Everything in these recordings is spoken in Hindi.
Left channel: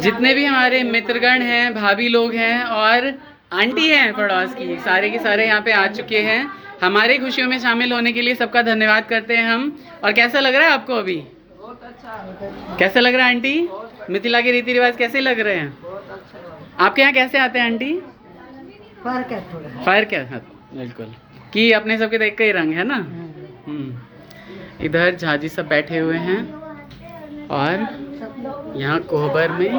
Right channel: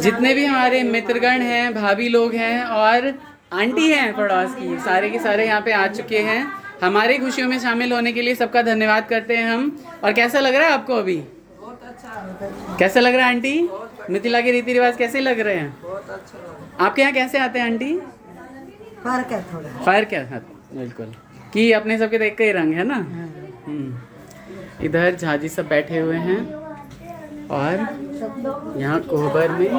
जितने भी हमारे मित्रगण हैं, भाभी लोग हैं और आंटी हैं पड़ोस की, सारे के सारे यहाँ पे आ चुके हैं हमारी खुशियों में शामिल होने के लिए। सबका धन्यवाद करते हैं हम। और कैसा लग रहा है आपको अभी? बहुत अच्छा। कैसा लग रहा है आंटी? मिथिला के रीति रिवाज कैसे लग रहे हैं? बहुत अच्छा। आपके यहाँ कैसे आते हैं आंटी? फर्क है थोड़ा। फर्क है, हाँ, बिल्कुल कि अपने सबके तो एक ही रंग है ना। इधर झाजी सब बैठे हुए हैं और यहाँ कोहबर में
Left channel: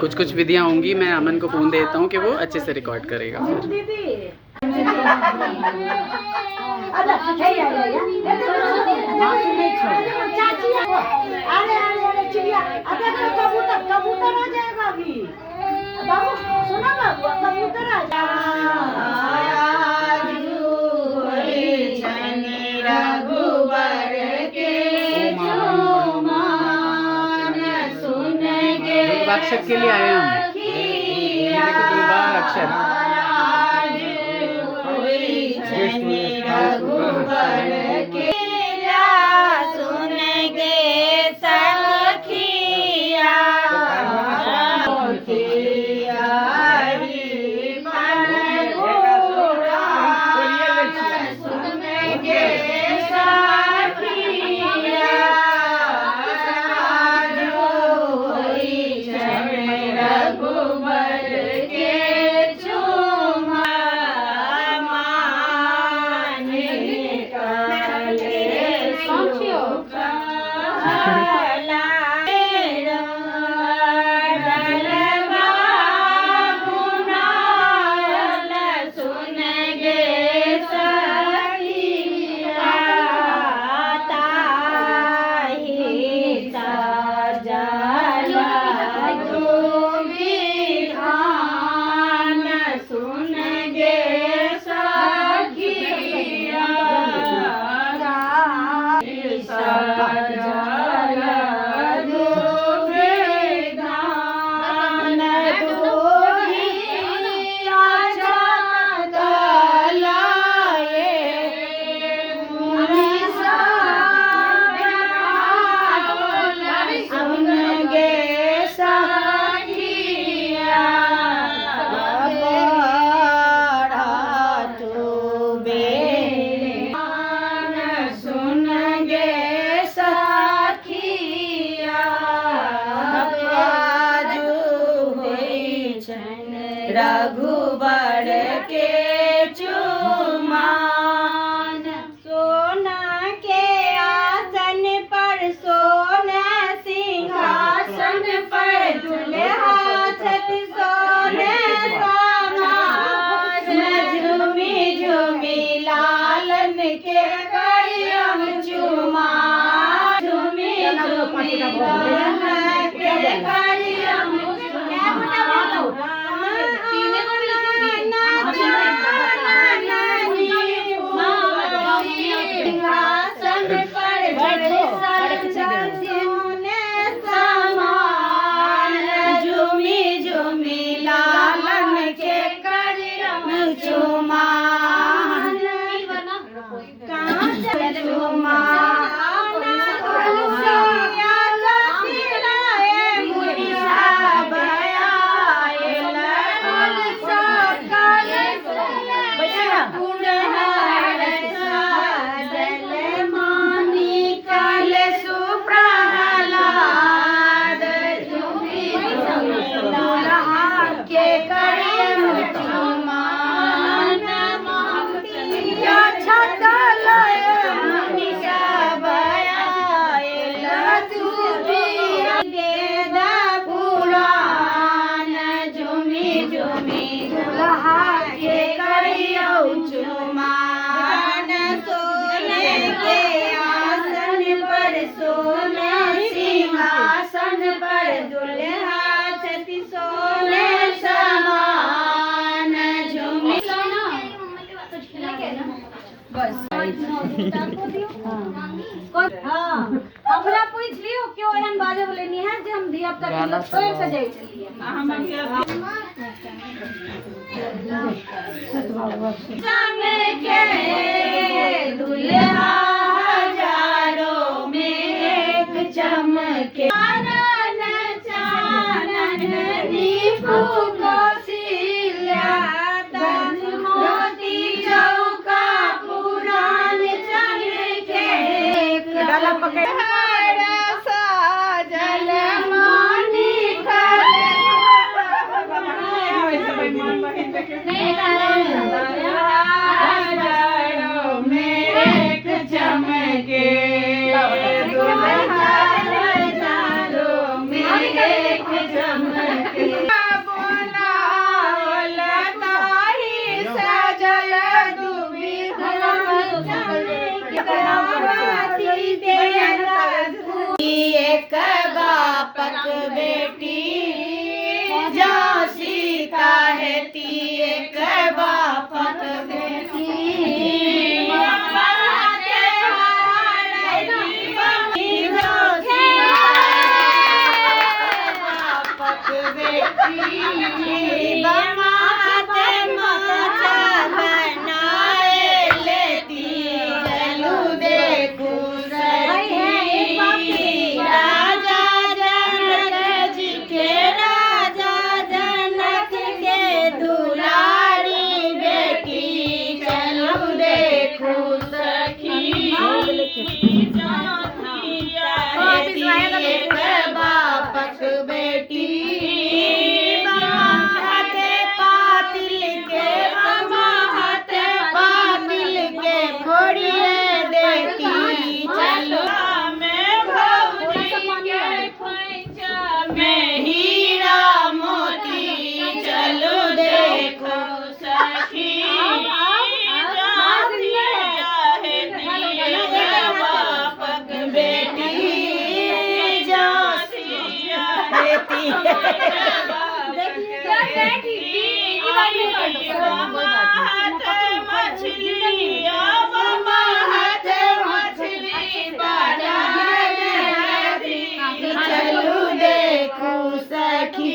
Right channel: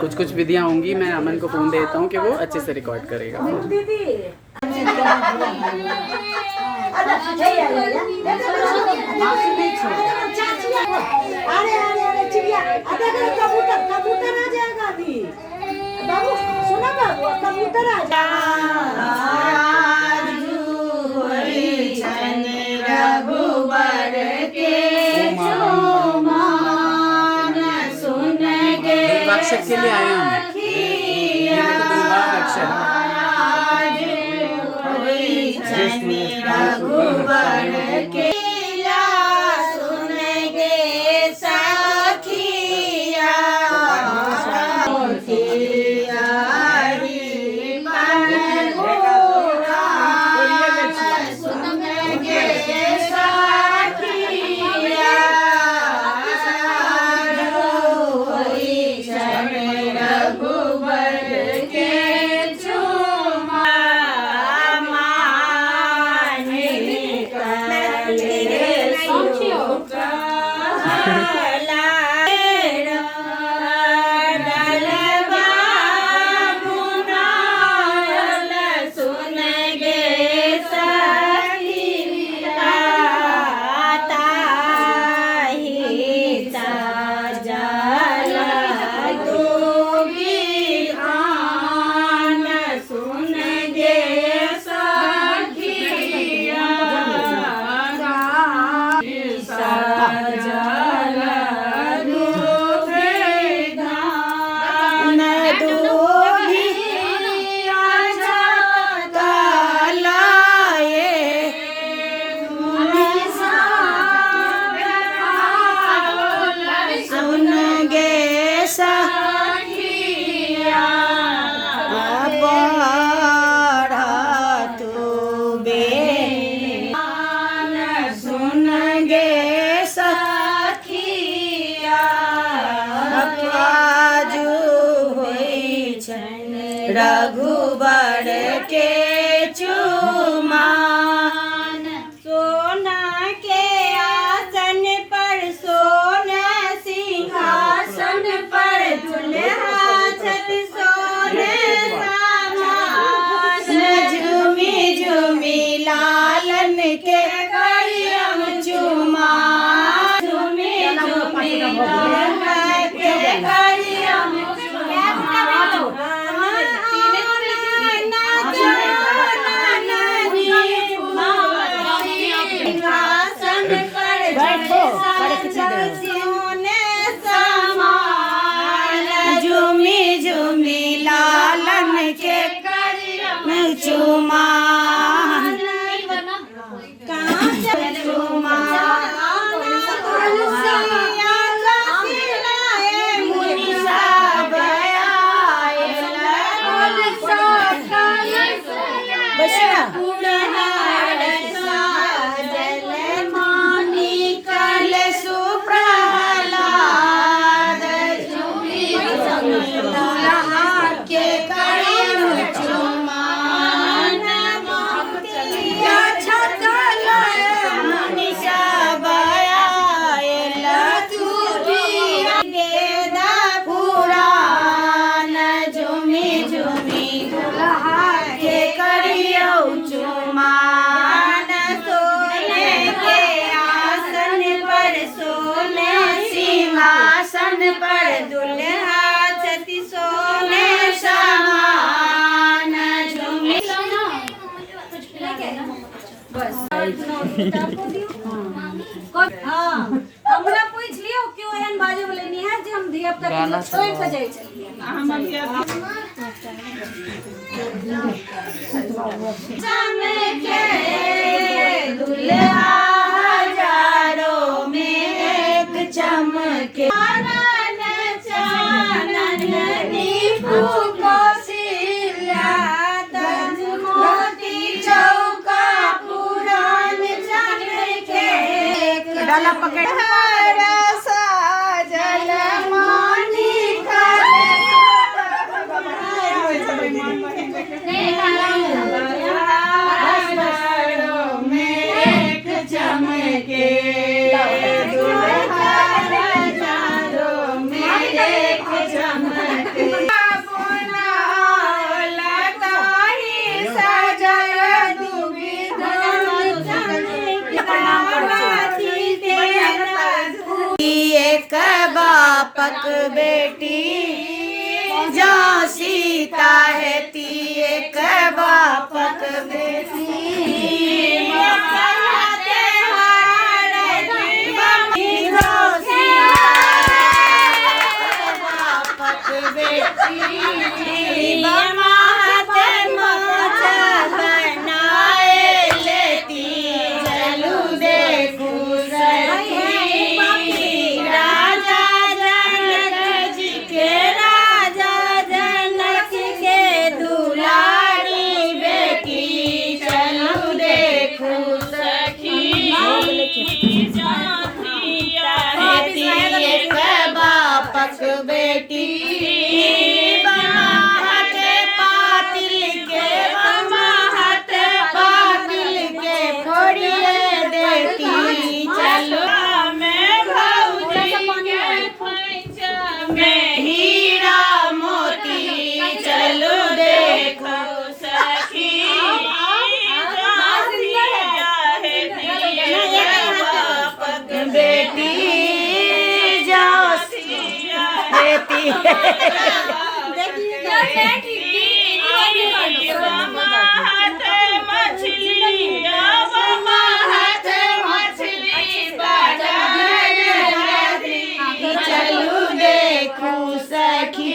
कुछ कुछ विधियाँ होंगी। मैं अमन को फोन देता हूँ कि वो अच्छे से रिकॉर्ड करेगा। कबूतर आ जाएगा अभी। बाबू सुना बाबू, कबूतर आ जाएगा। अक्षर के लिए आए हम। अक्षर रघुबर के चुमान, सोना के आसन पर सोना सिंहासन पर दुल्हा छत सोने सामान, झूमी झूमी लालन के करियम चुमान, झूमी झूमी लालन के करियम पर दुल्हा छति सोने समान, झूमी बस। हाँ हमरा पूछ लियो क्यों एहन बाजे बोले नहीं है जे हम धिया पुता के छोड़ के जाई चलिए। चमके दुल्हा हजारों में एक चमके चान देख चमक एक बापक बेटी जा सीता है ती एक बापक बेटी बापक बेटी बनाए लेती चलू देखू बापक बेटी पातिल के फोड़िए देती चलो मैं हीरा मोती चलो देखो सखी बापक बेटी चलू देखू सखी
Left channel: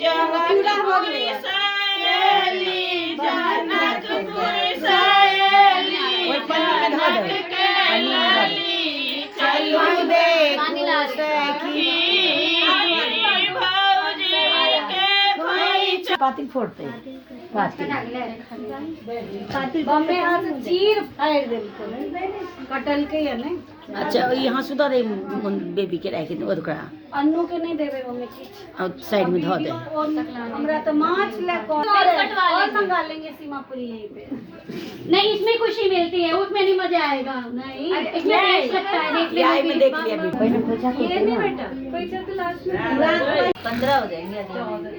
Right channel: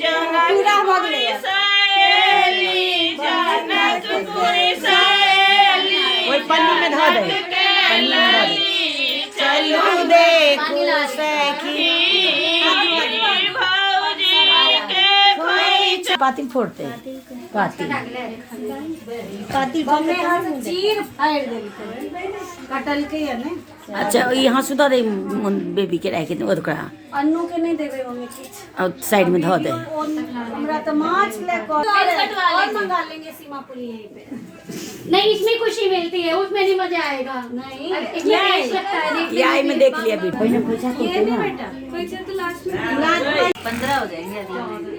जनकपुरी सहेली जनकपुरी सहेली चलू देखू सखी पातिल फोड़ते बम्मे हम चीर फाड़ देलकै कटल के है ने। अच्छा यहाँ सुधा दे बेबी के रखे ओकरा अन्नू के नहीं देबे मम्मी किछ और साइड में धो दे हमरा तो माछ ले और मंगा लेंगे सीमापुरी यहीं पे। नहीं इसमें खुशी मिलती है, उसमें नहीं मजा आएगा। नहीं इसमें टेस्ट लगता है देखने ये में देख लिया बेटा ये नहीं बेटा पैसा तो लास्ट में 15 हो जाएंगे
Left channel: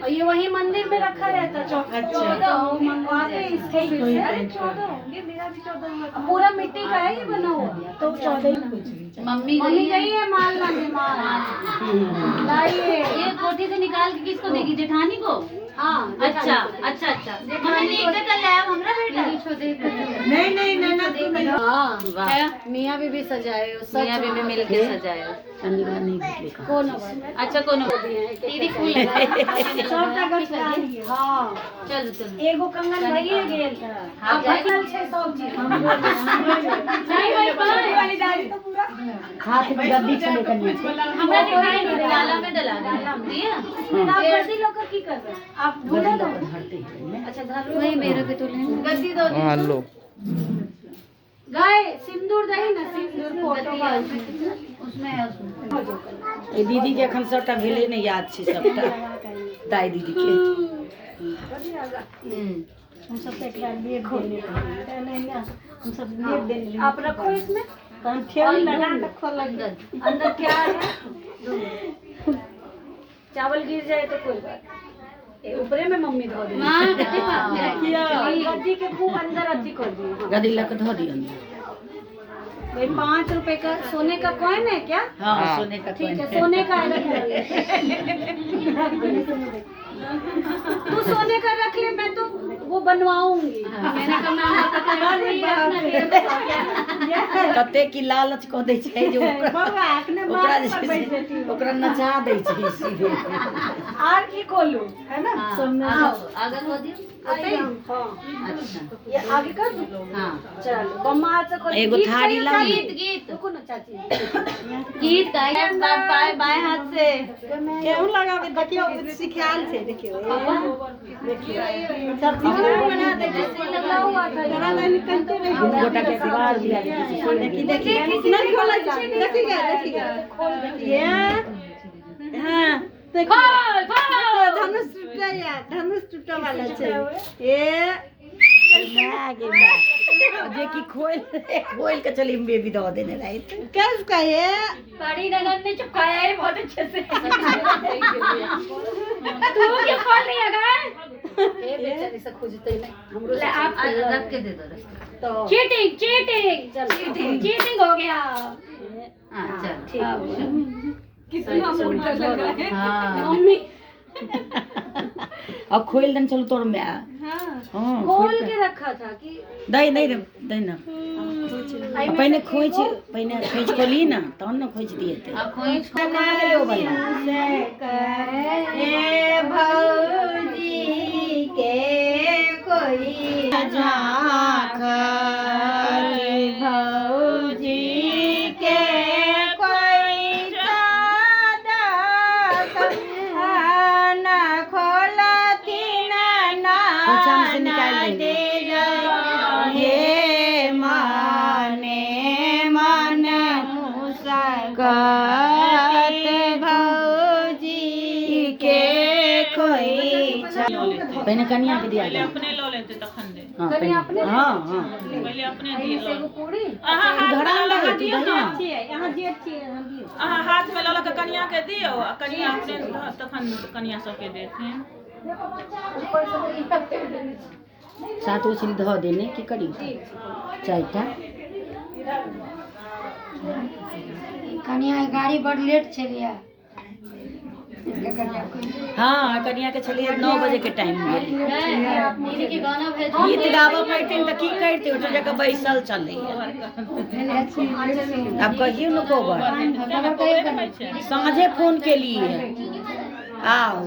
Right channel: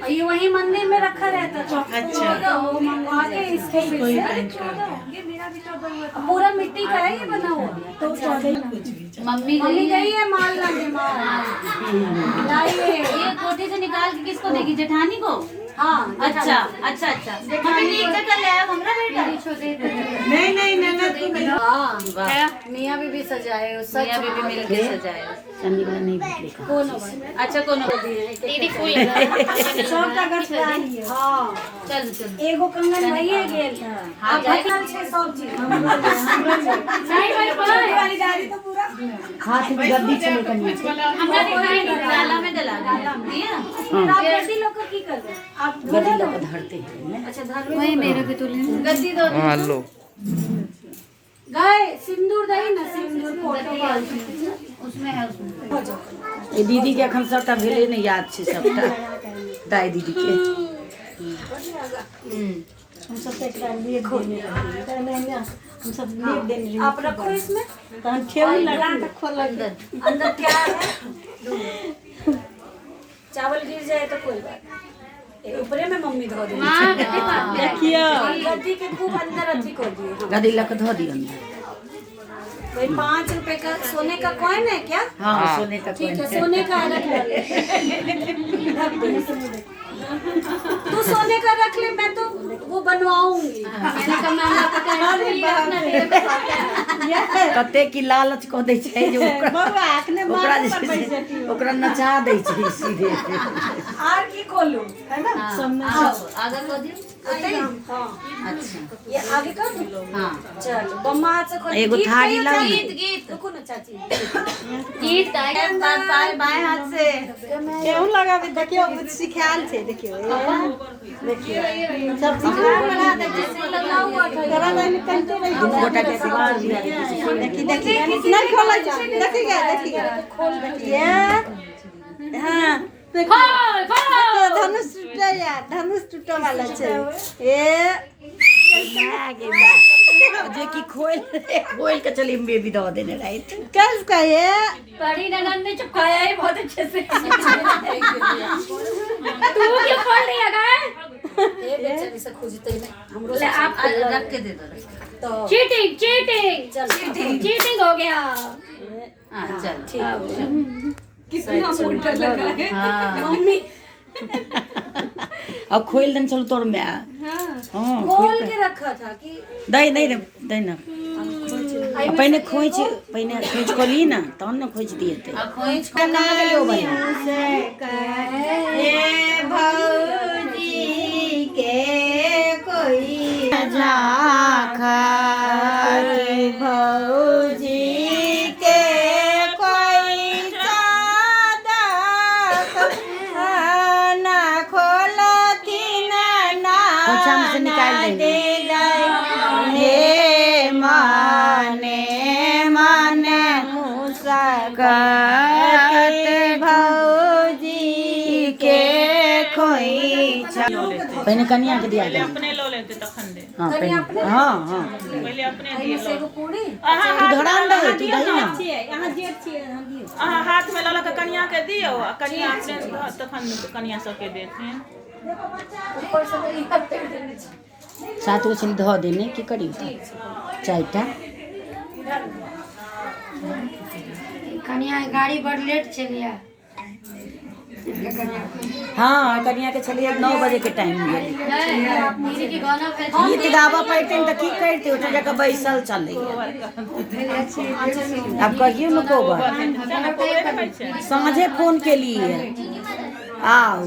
और ये वही मंदिर में रखा रहता है। अच्छा वो मंगवा के इसको फिर से ये मेरा भी 14 हुआ पूरा मिट्टी का है ये बना हुआ तो 14 मम्मी मम्मी गई है माल लाने माल लाइए ये कोठी से निकाल के किसको देगी? जेठानी को? हाँ अच्छा अच्छा अच्छा मम्मी लेकर चल आया हमरा बेटा छोटे नहीं हाँ मियाँ बीबी सजाए मियां बीबी मिलके सजाए। कौन अच्छा कौन दीदी फूल छोटा गछला हाँ चलो चलो एगो कंगन भइए गेल अब भइल छै सब चीज नहीं भाई पर खरीदारी तो पूरा हाथ में गद्दी चले करनी हमरा दिखाई नहीं डाला में डाला दिया आप गद्दी लोग की कर रहे आप गद्दी लोग धरते हैं अच्छा धर वही मेरे भी तो ले गद्दी दो हेलो गए सिंदूर दही ना सिंदूर फोटो उसमें है उसमें ये दीदी के अखन सबटा भेले नहीं याद छै सबटा दाई दीदी के हम सब पे लिए खोल हम सब ले दे आप रखो इसमें खोल अंदर प्यार है चावल गिर जाए तो कोई बात ऊपरे में मम्मी धो दी गद्दी के खूब अंदर अच्छी कर दी गद्दी लक धो दी अंदर वही 5 रुपए का सोने का कॉइन है क्या? हाँ सोने का ठीक है सोने का रख ले तू सोने का रख ले मैं तो वो बनवाऊंगी। मैंने कहा कते की लालच को दे छै जो ओकरा नचा दे छै सीधे आर की खोलूं है ना आगे कर दियो हाँ अच्छा ये आगे कर दूं हाँ चल बम्मा हाथ से खोल एगो थारी लाओ गीत गीत रुको ना चाची गीत गाए बाएं हाथ से केहू लगा के देखियो कुछ सिखाल छे देखियो सब बना दे जैसे लगा हुआ था जरा मैं निकलते रही दो गोटा के दीवार दिया देखिए नहीं खोला देखिए खोल देखिए हां धनुष टूटा यार धनुष टूटा वाला छे ए जे की खोल के चली बेबी दवा देने रही किसका ये बड़ी ननद ने चिपकाया है बहुत अच्छे से। तू क्या खोल दिया गाय? ये बेचारी से खोजते ही नहीं हमरो से आप रख के दे दो तो चीटिंग चीटिंग चल चीटिंग हो गया। हां चल ठीक कितना मोटा लगा है मम्मी अब खोल दन चलो तोर में हां खोल के रखा था कि दई ना पहले खोज को ली ना तब ना खोज दिए थे खोज करना लो भाई ए भौजी के कोई झाखा भौजी के कोई सादा ना खोलती ना निकाल दे हे माने मुस्कात भौजी के खोई पहले कन्या के दिया गया अपने लो लेते तखन दे हां पहले हां पहले अपने से वो पूरी धड़ा दे तू दही ना यहां जी अच्छी है यहां दी हाथ में ला के कन्या के दियो आ कन्या से तखन कन्या सबके देते हैं। ऊपर से तो यहां पे देनी साथ उछल धो देने की करी चायटा कन्या गाड़ी बड़ लेट चलिया। हाँ कन्या के चलिए 9 बजे के टाइम में दीदी के गाना भेज गीत गावा पड़ते तो की करते उस जगह बैसल चले अब कहियो न को समझे फोन के लिए आओ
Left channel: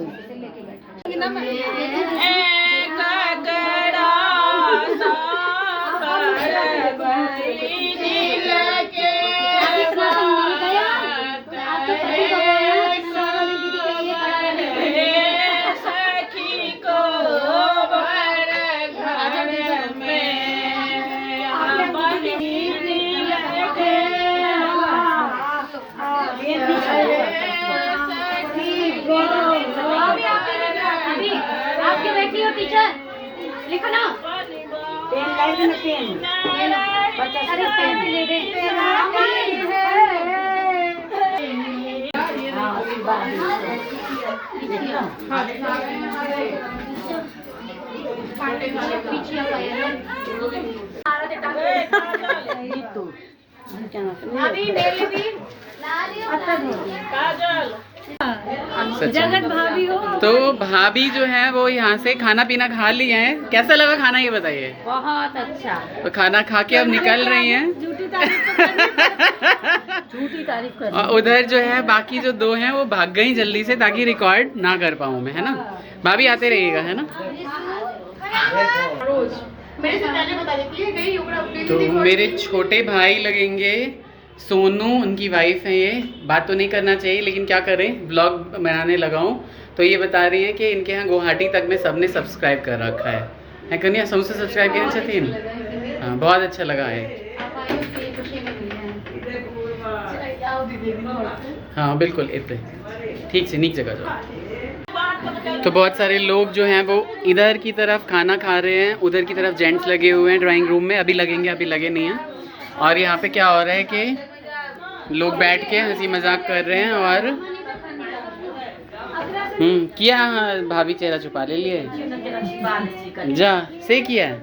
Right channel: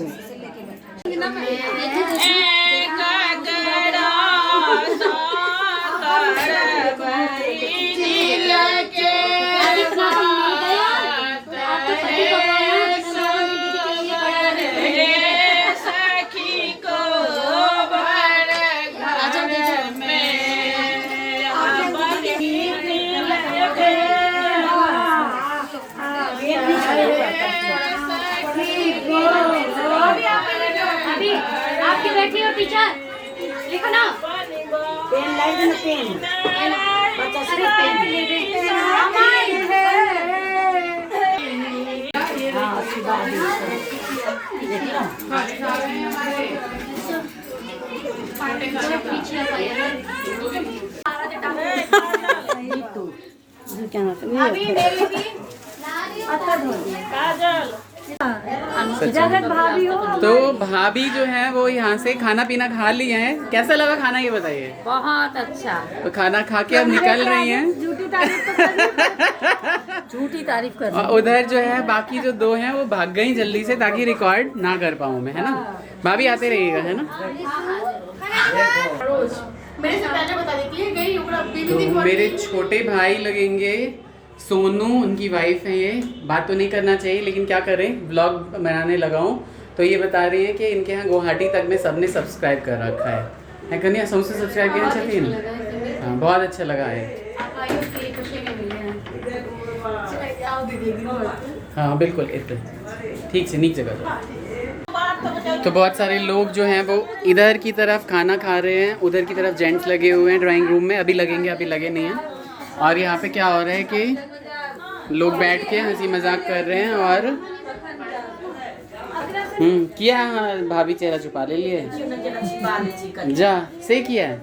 आपकी बेटी और टीचर लिखो ना पेन लाई ना पेन बच्चा से पेन ले दे हां सुबादी देखो अभी मेरे भी तो भाभी जो है वो यहाँ से खाना पीना खा लिए हैं। कैसा लगा खाना ये बताइए। बहुत अच्छा। तो खाना खा के अब निकल रही हैं। झूठी तारीफ कर और उधर जो है बाकी जो 2 हैं वो भाग गई जल्दी से ताकि रिकॉर्ड ना कर पाऊँ मैं, है ना। भाभी आते रहिएगा, है ना। तो मेरे छोटे भाई लगेंगे सोनू, उनकी वाइफ है। ये बात तो नहीं करना चाहिए लेकिन क्या करें, ब्लॉग बनाने लगाऊं तो ये बता रही हैं कि इनके यहाँ गुवाहाटी तक में सबने सब्सक्राइब कर रखा है कन्या सबसे सब्सक्राइब किया छतीन। हाँ बहुत अच्छा लगा है। हाँ बिल्कुल इतने ठीक से नीचे जगह जाओ। तो बहुत सारे लोग जो हैं वो इधर की तरफ खाना खा रहे हैं, उधर की तरफ जेंट्स लगे हुए हैं ड्राइंग रूम में। अभी लगेंगे, अभी लगे नहीं हैं। और यहाँ पे क्या हो रहा है कि लोग बैठ के हंसी मजाक कर रहे हैं। और किया भाभी चेहरा छुपा ले लिए जा से किया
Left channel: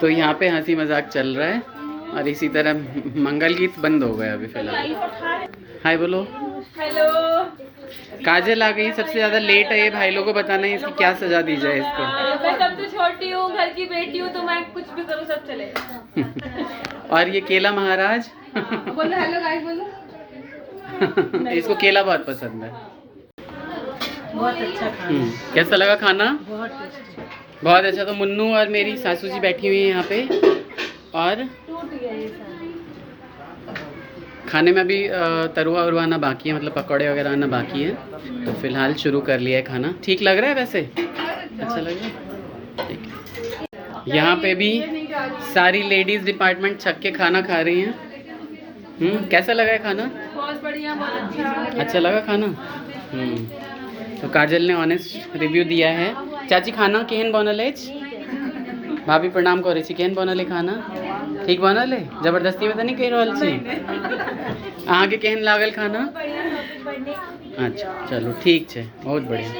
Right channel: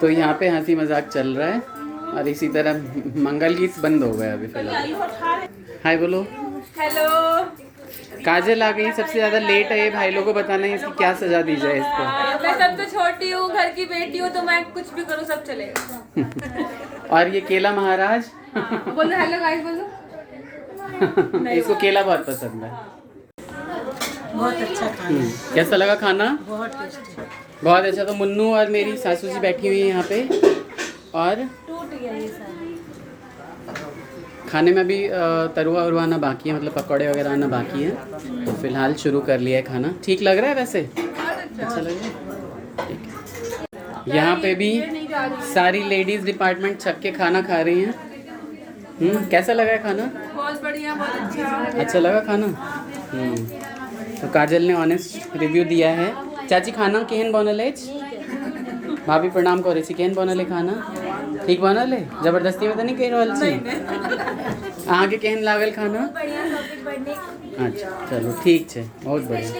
तो यहाँ पे हंसी मजाक चल रहा है। और इसी तरह मंगल गीत बंद हो गया अभी फिलहाल। हाय बोलो। हेलो। काजल आ गई, सबसे ज्यादा लेट है ये। भाई लोगों को बताना है इसकी क्या सजा दी जाए इसको। मैं सबसे छोटी हूँ, घर की बेटी हूँ, तो मैं कुछ भी करूँ सब चलेगा। और ये केला महाराज बोलो हेलो गाइस बोलो। इसको केला बहुत पसंद है। बहुत अच्छा खाना। कैसा लगा खाना? बहुत टेस्टी। बहुत अच्छा। तो मुन्नू और मेरी सासू जी बैठी हुई है यहाँ पे और टूट गया ये सारा। खाने में अभी तरुआ उरुआ आना बाकी है, मतलब पकौड़े वगैरह आना बाकी है। तो फिलहाल शुरू कर लिया है खाना। ठीक लग रहा है वैसे? अच्छा लग रहा है, ठीक है। यहाँ पे भी सारी लेडीज डिपार्टमेंट छक के खाना खा रही हैं। कैसा लगा है खाना? बहुत बढ़िया, बहुत अच्छा। अच्छा लगा खाना? तो काजल ने ऑनेस्ट रिव्यू दिया है। चाची खाना केहन बनल है? भाभी प्रणाम करे छी। केहन बनल है खाना? ठीक बनल है? जबरदस्ती में तो नहीं कह रहल छी? अहाँ के केहन लागल खाना? अच्छा चलो ठीक है, बहुत बढ़िया।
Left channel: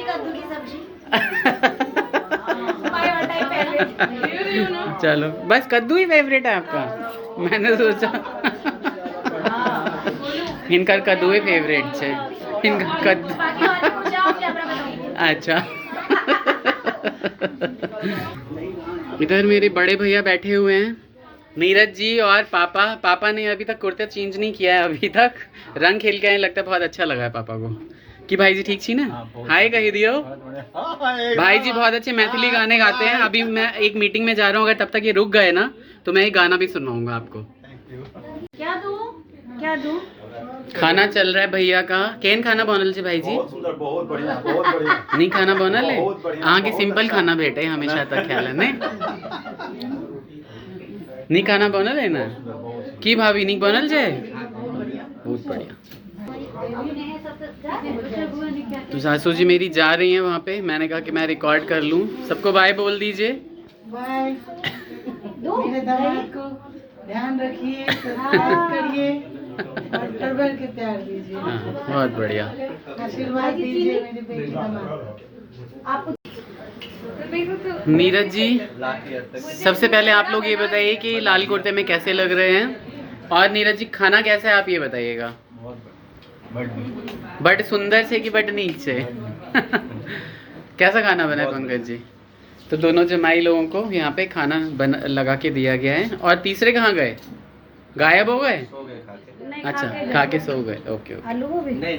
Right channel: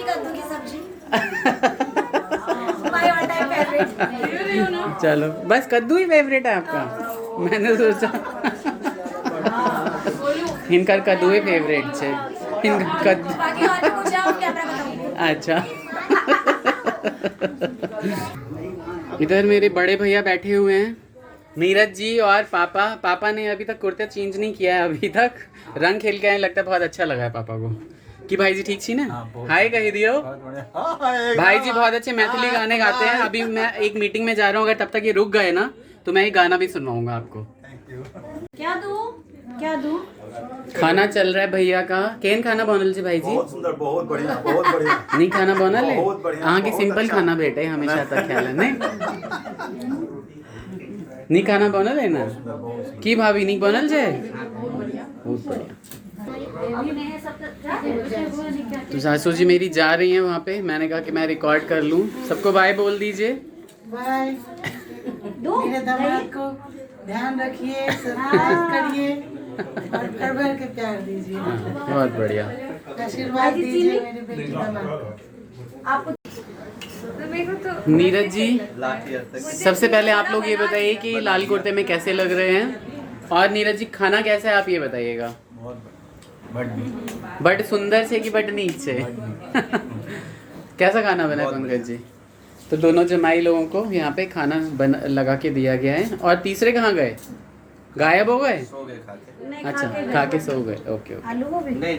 चलो बस कद्दू ही फेवरेट है आपका? मैंने सोचा इनका कद्दू ही फेवरेट है। इनका कद्दू अच्छा। इधर मेरे बड़े भैया बैठे हुए हैं, नीरज जी और पापा। पापा ने अभी तक कुर्ता चेंज नहीं किया है, अभी तक रंग खेल के आए, लगता है बहुत अच्छा लगा है पापा को। कि भाई जी ठीक छी ना? हाय कही दियो। भाई जी बहुत अच्छे मैथिली गाने गाते हैं। अभी मैं एक मीटिंग में जा रहा हूँ, अगर तब तक ये रुक गए ना तो मैं ये गाना भी सुनवाऊंगा आपको। क्या दूँ? क्या दूँ? खाना चल रहा है भैया का। केन खाना बनल छे भाई जी? बहुत सुंदर, बहुत बढ़िया, बहुत बढ़िया। नहीं खाना बनल है? बहुत बढ़िया, अहाँ के बहुत सिंपल अच्छा। खाना भेटे हमेशा तक ख्याल है नहीं? नहीं खाना बनल है ना? की भाभी नहीं बनल छे? बहुत बढ़िया। तो सासू जी मेरी जा रही हैं वहाँ पे, मैंने कहा कि मैं रिकॉर्ड कर लूँ। सबको बाय बोल दीजिए। बाय। मेरे दामाद को ध्यान रखिए, सब्सक्राइब करिए और भर के प्यार दीजिए। हाँ बहुत बढ़िया। आशीर्वाद दीजिए मेरे बेटी दामाद। नीरज जी सबसे पहले आप लोग ये बताइए कि लाल कुर्ते में कैसे लग रहे हैं, और नीरज जी खाना कैसा है आप ये बताइएगा। बट सुंदर से कि बट नीच से? कैसा खाना बना है पंकज जी? तो दोनों जमाई लोगों को यहाँ पे खाना लगा के दिया गया है। और तीसरे कहाँ गए? गायब हो गए? अच्छा खा के सो गए। Okay okay. आलू भी नहीं